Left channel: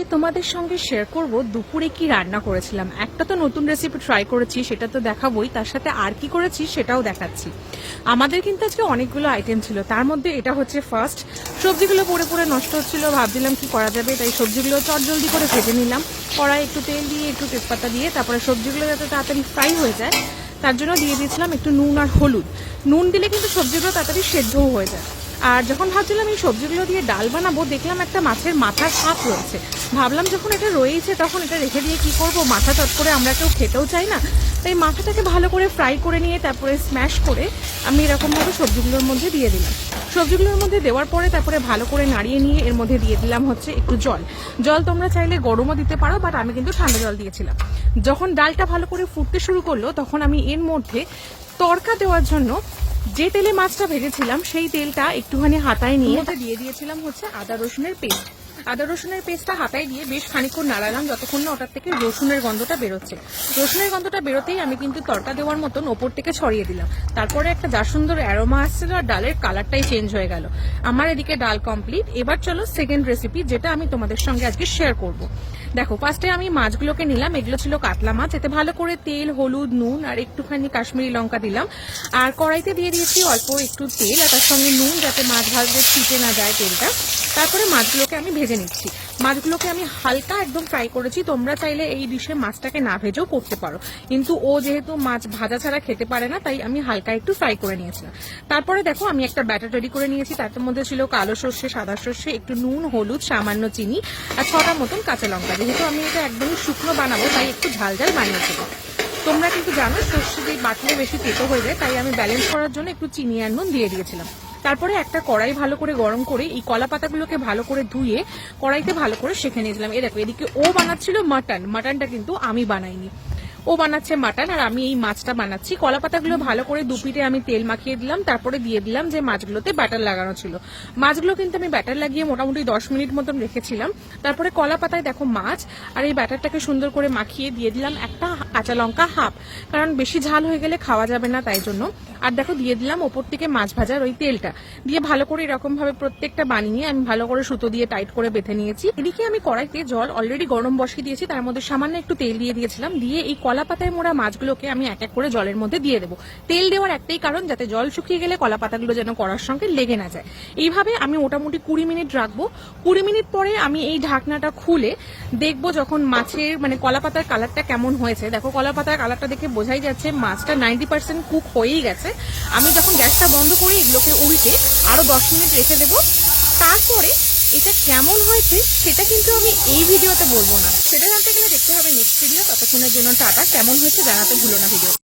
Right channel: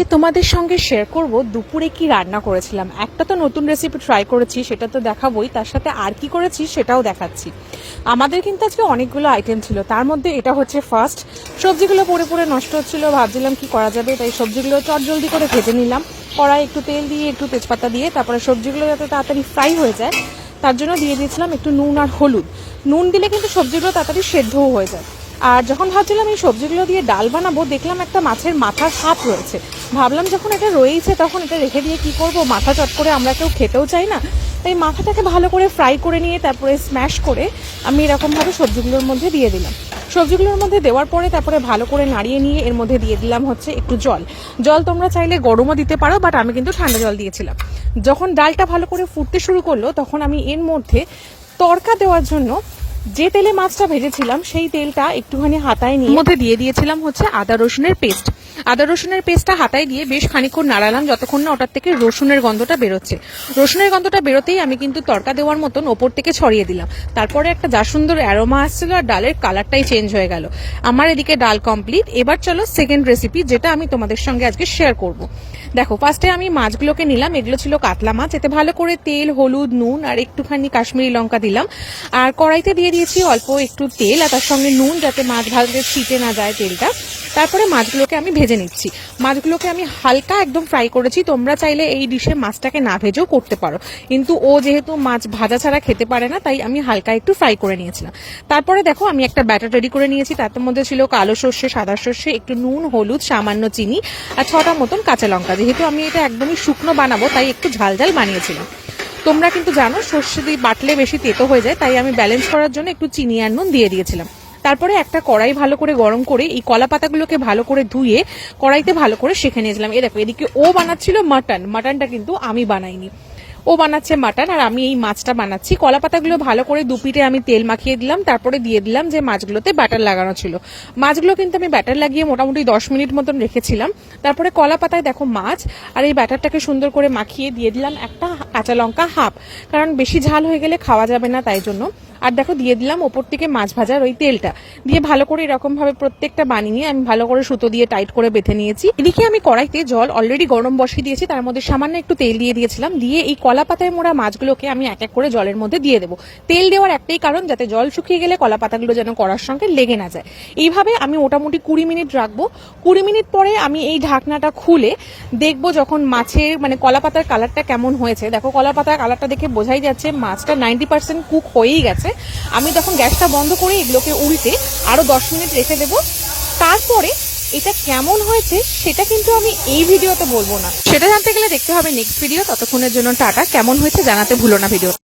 আজকে তোমাদের সঙ্গে শেয়ার করব? দুপুরে কি রান্না করেছিলাম? একটা তো নতুন রেসিপি ট্রাই করেছি, সেটা তো দেখাবোই। তার সাথে আর কি করেছি সেটাও দেখাচ্ছি। আমাদের কিন্তু আজকে অনেকগুলো আইটেম ছিল। তার মধ্যে এটা হচ্ছে ফার্স্ট সবজিগুলো পড়ে পড়ে নষ্ট হচ্ছিল, ভাবছিলাম কি করা যাবে। তাই সবজিগুলো চট জলদি করে ভেজে নিলাম। কড়াই একটু তেল দিয়ে, একটু তেজপাতা দিয়ে, তারপরে সবজিগুলো যাতে তাড়াতাড়ি ফ্রাই হয়ে যায়, তার জন্য দিয়ে দিয়েছিলাম একটু নুন আর হলুদ। নুন দিলে কিন্তু সবজিগুলো তাড়াতাড়ি সেদ্ধও হয়ে যায়। আর যখন ভাবছিলাম এই সবজিগুলো দিয়ে ডাল বানাবো, দেখলাম একটা মাছের মাথার সাপ রয়েছে। ভাবলাম যখন এটা রয়েছে তখন এটা রেখে দিয়ে কী করব? মাথা চট করে আমরা কেউ খেতেও চাই না। তাই মাথাটাকে ভালো করে ফ্রাই করে নিয়ে তারপরে স্ম্যাশ করে আমি এরকমভাবে সবজিগুলোর মধ্যে দিয়ে দিলাম। সবজিগুলোর মধ্যে দেওয়ার পরে তারপরে ভালো করে নাড়িয়ে নিয়ে এর মধ্যে দিয়ে দিলাম হচ্ছে একটু জল। জল তোমরা চাইলে গরমও দিতে পারো বাট আমি কিন্তু ঠান্ডা জল দিয়েছিলাম। যখন ডালটা ভালো করে ফুটতে শুরু করল, তখন আমি এর মধ্যে তড়কা দেওয়ার জন্য যে তেলে মাছটা ভেজেছিলাম, সেই তেলটা একটুখানি হাতায় নিয়ে মধ্যে দিয়ে দিয়েছিলাম হচ্ছে আদা রসুনের পেস্ট। আদা রসুনের পেস্টটা হাতায় দিয়ে বেশ খানিক্ষণ নাড়ালাম, যতক্ষণ না ওটার থেকে রসুনের গন্ধটা বেরোচ্ছে। রসুনের গন্ধটা বেরোতেই আমি কিন্তু তড়কা দেওয়ার মতন ওপর থেকে ছড়িয়ে দিলাম। তারপরে একটা যা সুন্দর অ্যারোমা আসছিল আর ডালের কালারটাই চেঞ্জ হয়ে গেল। আমার এদিকে ডাল কমপ্লিট এবার চলো সেকেন্ড রেসিপি যেটা আমি তোমাদের সঙ্গে আজকে শেয়ার করব। দেখো ফার্স্টে আমি মাছগুলোকে নিলাম, এগুলো ছিল কাতলা মাছ, এতে ভালো করে তেল, হলুদ, নুন আর একটুখানি কাশ্মীরি লঙ্কা দিলাম। আর কড়াইতে দিয়ে দিয়েছি অল্প একটু তেল, আর তার সঙ্গে নুন যাতে মাছ ভালো করে ছিটে না যায় তেলটা। তারপরে মাছগুলোকে আমি ভেজে নিচ্ছি। মাছগুলোকে আমি হালকা একদম ফ্রাই করেছি। তোমরা চাইলে এই ডিশে মাছটাকে না ভেজেও করতে পারো। কিন্তু ও যেহেতু মাছ ভাজা ছাড়া খেতে পারে না, তাই আমি হালকা একটু ফ্রাই করে নিয়েছিলাম। তারপরে দেখো, আমি একটা ব্যাটার রেডি করে নিয়েছি। তার মধ্যে ছিল কালো সর্ষে, সাদা সর্ষে, একটু নুন, হলুদ, সামান্য চিনি আর ছটা মতন কাঁচা লঙ্কা। যেহেতু আমি এটা একদমই শুকনো বানাবো, তাই একটু ঝাল ঝাল বানিয়েছিলাম। তোমরা কিন্তু জানো, সর্ষে দিয়ে বাটলে বেশি তেতো হয়ে যায়, তাই আমি ব্যালেন্স করার জন্য একটু চিনি আর নুন দিয়ে দিয়েছিলাম। তারপরে একটা কড়াই ভালো করে গরম করে এই কলা পাতাগুলোকে ভালো করে ধুয়ে কড়াইতে ভালো করে শেখে নিয়েছিলাম। এ দেখো, এদিকে ও বানাচ্ছিল মাটন। মাটনটা কিন্তু আমি বানাইনি। ও বানাচ্ছে মাটন আর আমি এই মাছটা বানাচ্ছি। কলা পাতাগুলো ভালো করে দুপিটে আমি তেল মাখিয়ে দিলাম, তারপরে দিয়ে দিলাম যে মাছগুলোতে ব্যাটার লাগানো ছিল। মাছগুলো কিন্তু আমি ব্যাটার লাগিয়ে মোটামুটি দশ মিনিট মতন রেখেছিলাম। তারপরে কলা পাতায় দেখো মাছ আর এই ব্যাটারটাকে সুন্দর করে মাখিয়ে দিয়ে দিলাম একটা কাঁচা লঙ্কা হাফ। কারণ বেশি ঝাল হয়ে গেলে খাওয়া যাবে না তাই জন্য। আর দেখো, দিয়ে দিলাম ওপর থেকে মাছ ভাজার ওই তেলটা। দিয়ে ভালো করে এরকম ভাবে প্রত্যেকটা বানিয়ে আমি ভালো করে সুতো দিয়ে টাইট করে বেঁধে নিয়েছি। এদিকে আমি কড়াইতে জল অলরেডি গরম বসিয়ে দিয়েছি, তার মধ্যে সামান্য একটু তেল দিয়ে দিয়েছিলাম। দিয়ে এই কলা পাতায় মোড়া মাছগুলোকে আমি এক এক করে জলের মধ্যে দিয়ে দেবো। তেল দেওয়ার একটাই কারণ, যাতে জল শুকিয়ে গেলে কলা পাতাগুলো যেন কড়ার সঙ্গে লেগে না যায়। এইভাবে আমি মোটামুটি কুড়ি মিনিট রাখব। কুড়ি মিনিট পরে আমি এই ঢাকনাটা খুলে দেখব যখন মাছের মানে কলা পাতার কালারটা কেমন হয়েছে। দেখো কলা পাতার কালারটা দেখে বোঝাই যাচ্ছে মাছটা নাইনটি পার্সেন্ট কুক হয়েই গেছে। আমি তখন গ্যাসটা বন্ধ করে এগুলোকে উল্টে আরও দশ মিনিট রেখে দেবো, তারপরে এটা কেমন হয়েছে সেটা কিন্তু আমি এই ভিডিওতে বলব না। সেটা জানতে গেলে দেখতে হবে নেক্সট ভিডিও। ততক্ষণের জন্য টাটা। কেমন হয়েছে জানাতে ভুলো না ভিডিও।